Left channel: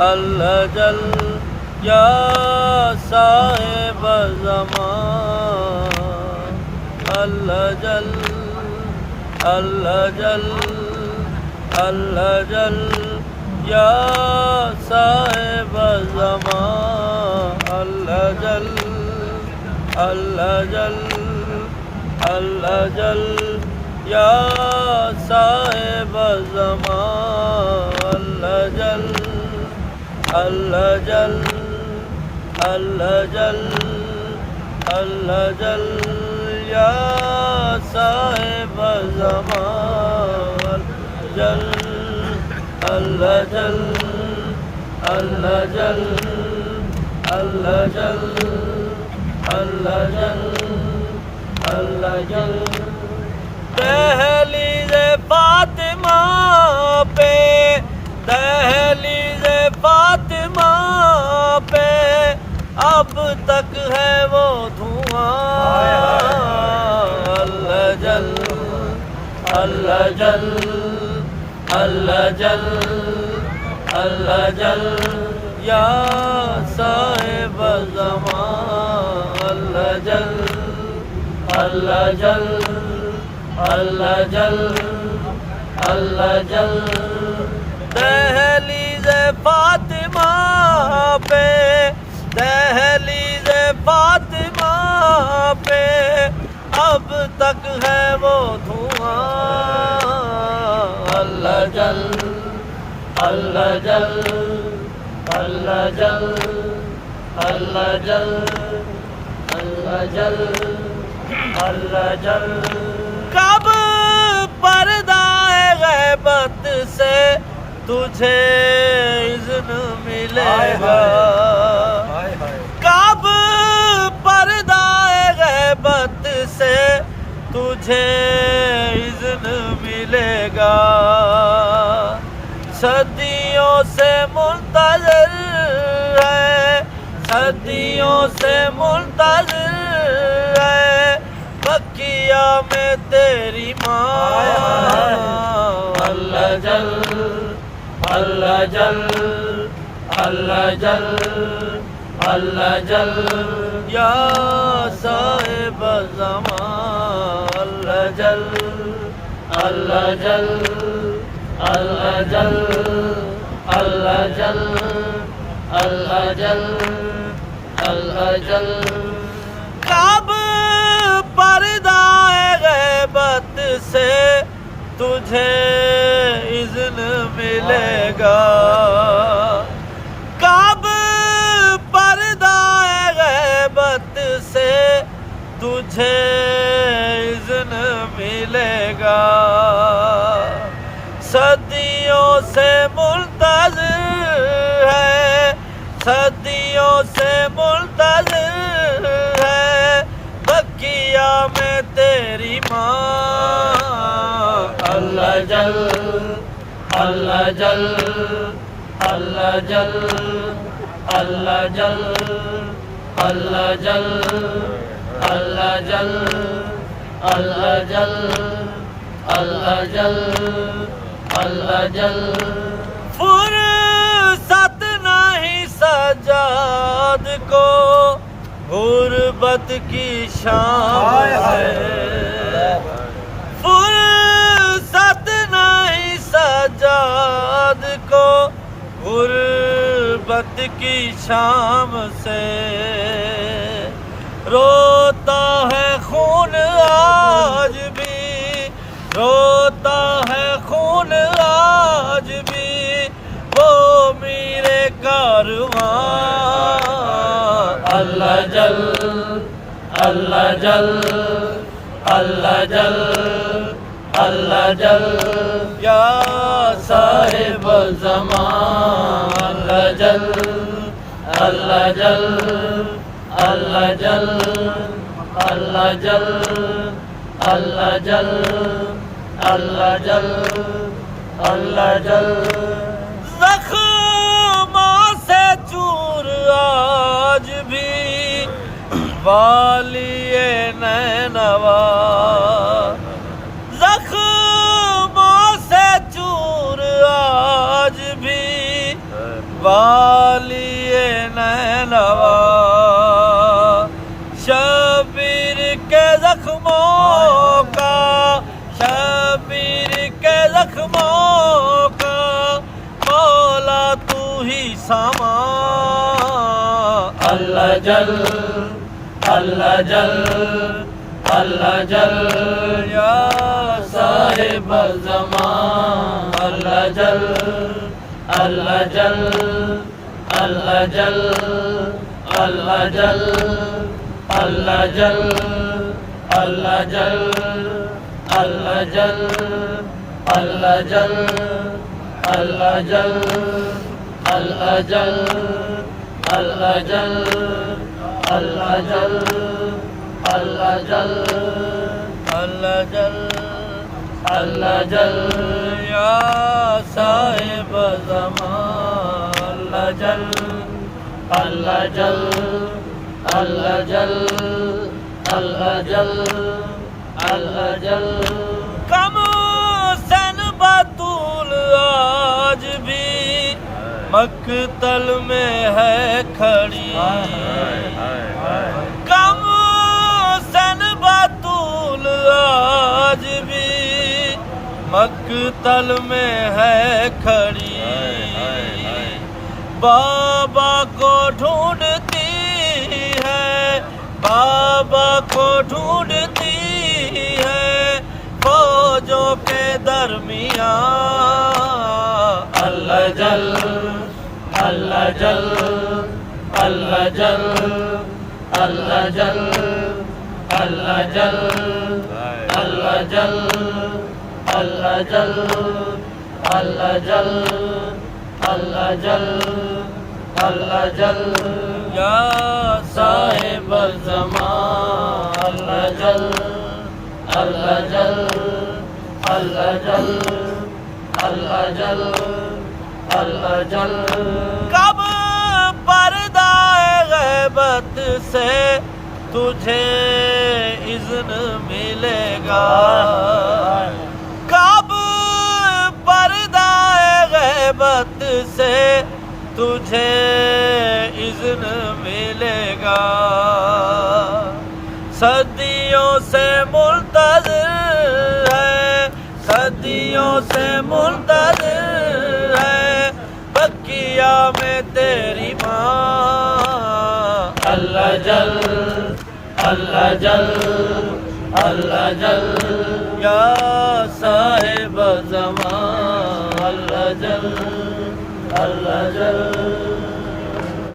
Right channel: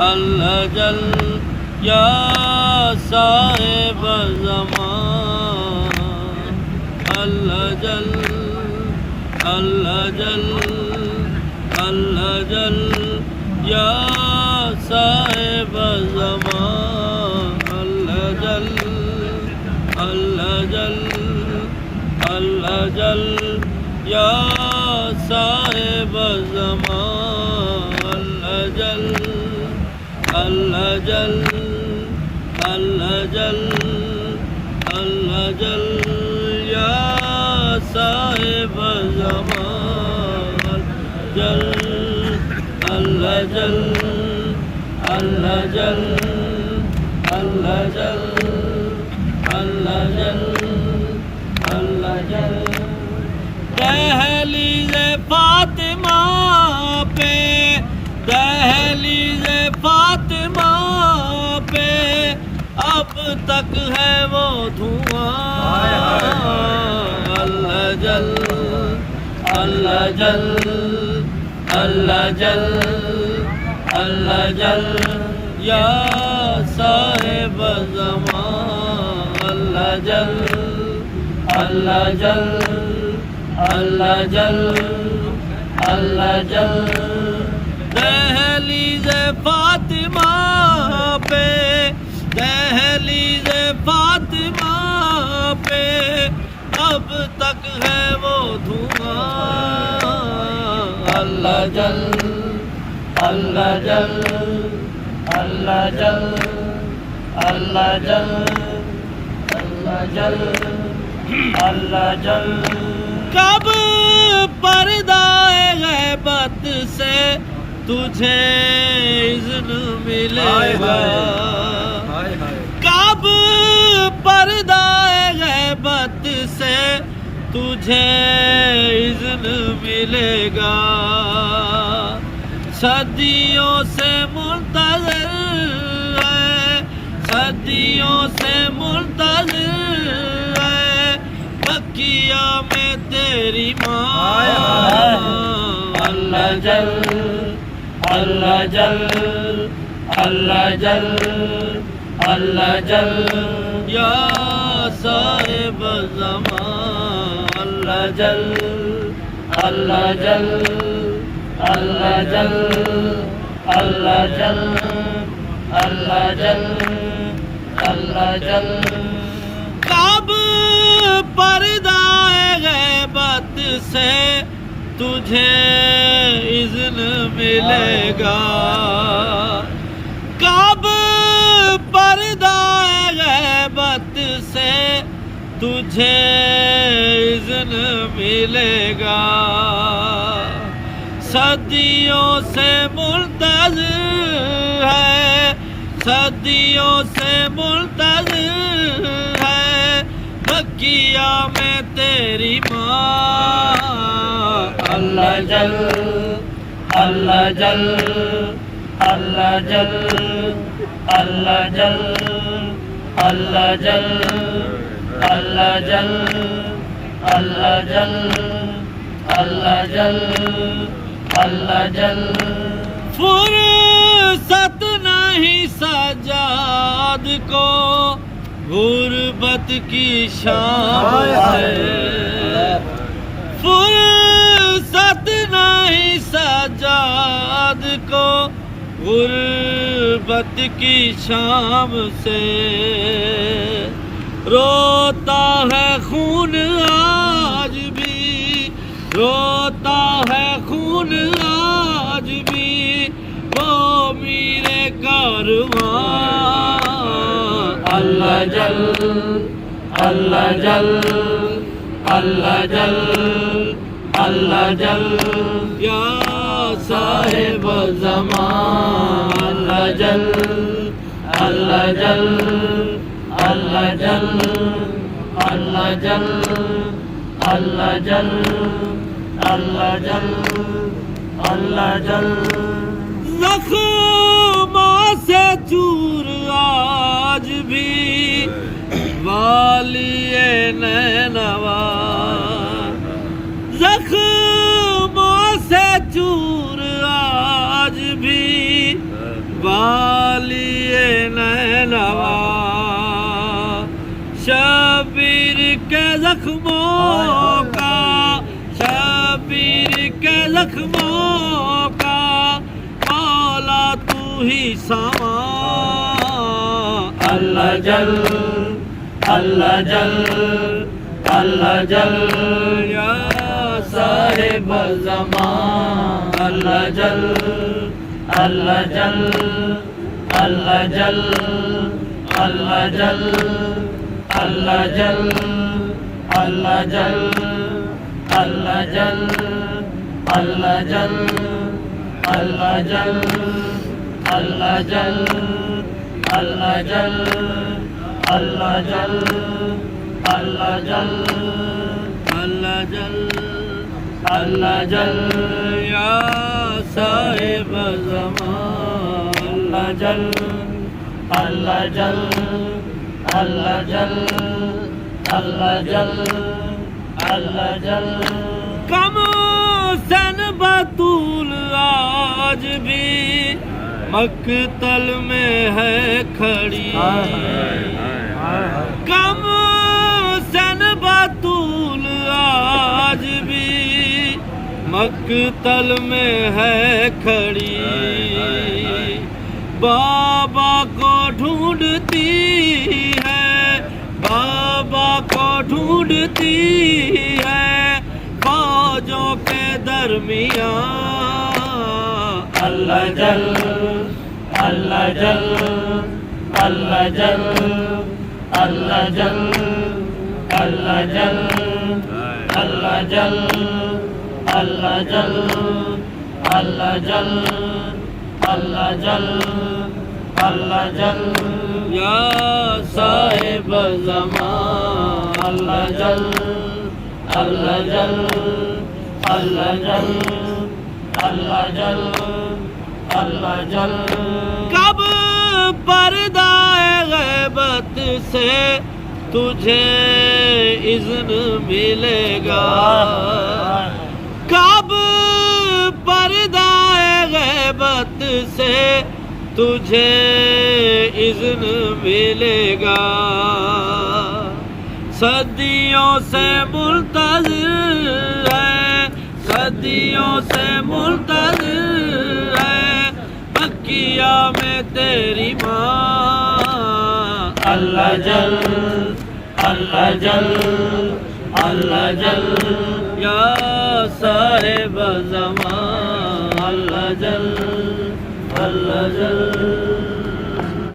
اللہ جل یا صاحب زمان اللہ جل اللہ جل اللہ جل یا صاحب زمان اللہ جل اللہ جل اللہ جل یا صاحب زمان اللہ جل اللہ جل اللہ جل اللہ جل یا صاحب زمان جل اللہ جل اللہ جل اللہ جل اللہ جل اللہ جل دہلیز فاطمہ پہ دہلیز فاطمہ پہ اب تک ہے وہ دھواں اللہ جل اللہ جل اللہ جل اللہ جل یا صاحب زمان اللہ جل اللہ جل اللہ جل اللہ جل دہلیز فاطمہ پہ دہلیز فاطمہ پہ اب تک ہے وہ دھواں اللہ جل اللہ جل اللہ جل اللہ جل اللہ جل اللہ جل کب پردہ غیبت سے تجھے اذن ملے گا کب پردہ غیبت سے تجھے اذن ملے گا صدیوں سے منتظر ہے صدیوں سے منتظر ہے مکیہ میں تیری ماں اللہ جل اللہ جل اللہ جل اللہ جل یا صاحب زمان اللہ جل اللہ جل اللہ جل اللہ جل اللہ جل اللہ جل کب پردہ غیبت سے تجھے اذن ملے گا کب پردہ غیبت سے تجھے اذن ملے گا صدیوں سے منتظر ہے صدیوں سے منتظر ہے مکیہ میں تیری ماں اللہ جل اللہ جل اللہ جل اللہ جل اللہ جل اللہ جل اللہ جل اللہ جل اللہ جل فرصت نہیں سجاد کو غربت کی شام ہے فرصت نہیں سجاد کو غربت کی شام سے روتا ہے خون آج بھی روتا ہے خون آج بھی وہ میرے کارواں اللہ جل اللہ جل اللہ جل اللہ جل یا صاحب زمان اللہ جل اللہ جل اللہ جل اللہ جل اللہ جل اللہ جل اللہ جل زخموں سے چور آج بھی والی نینوا زخموں سے چور آج بھی والیے نینوا شبیر کے زخموں کا شبیر کے زخموں کا مولا تو ہی سامان اللہ جل اللہ جل اللہ جل یا صاحب الزمان اللہ جل اللہ جل اللہ جل اللہ جل اللہ جل اللہ جل اللہ جل اللہ جل اللہ جل اللہ جل اللہ جل اللہ جل اللہ جل اللہ جل اللہ جل یا صاحب زمان اللہ جل اللہ جل اللہ جل اللہ جل اللہ جل کم سن بطول آج بھی مقتل میں ہے کھڑی کم سن بطول آج بھی مقتل میں ہے کھڑی بابا کو ڈھونڈتی ہے بابا کو ڈھونڈتی ہے فوجوں کے درمیان اللہ جل اللہ جل اللہ جل اللہ جل اللہ جل اللہ جل اللہ جل اللہ جل اللہ جل اللہ جل یا صاحب زمان اللہ جل اللہ جل اللہ جل اللہ جل اللہ جل کب پردہ غیبت سے تجھے اذن ملے گا کب پردہ غیبت سے تجھے اذن ملے گا صدیوں سے منتظر ہے صدیوں سے منتظر ہے بقیہ میں تیری ماں اللہ جل اللہ جل اللہ جل یا صاحب زمان اللہ جل اللہ جل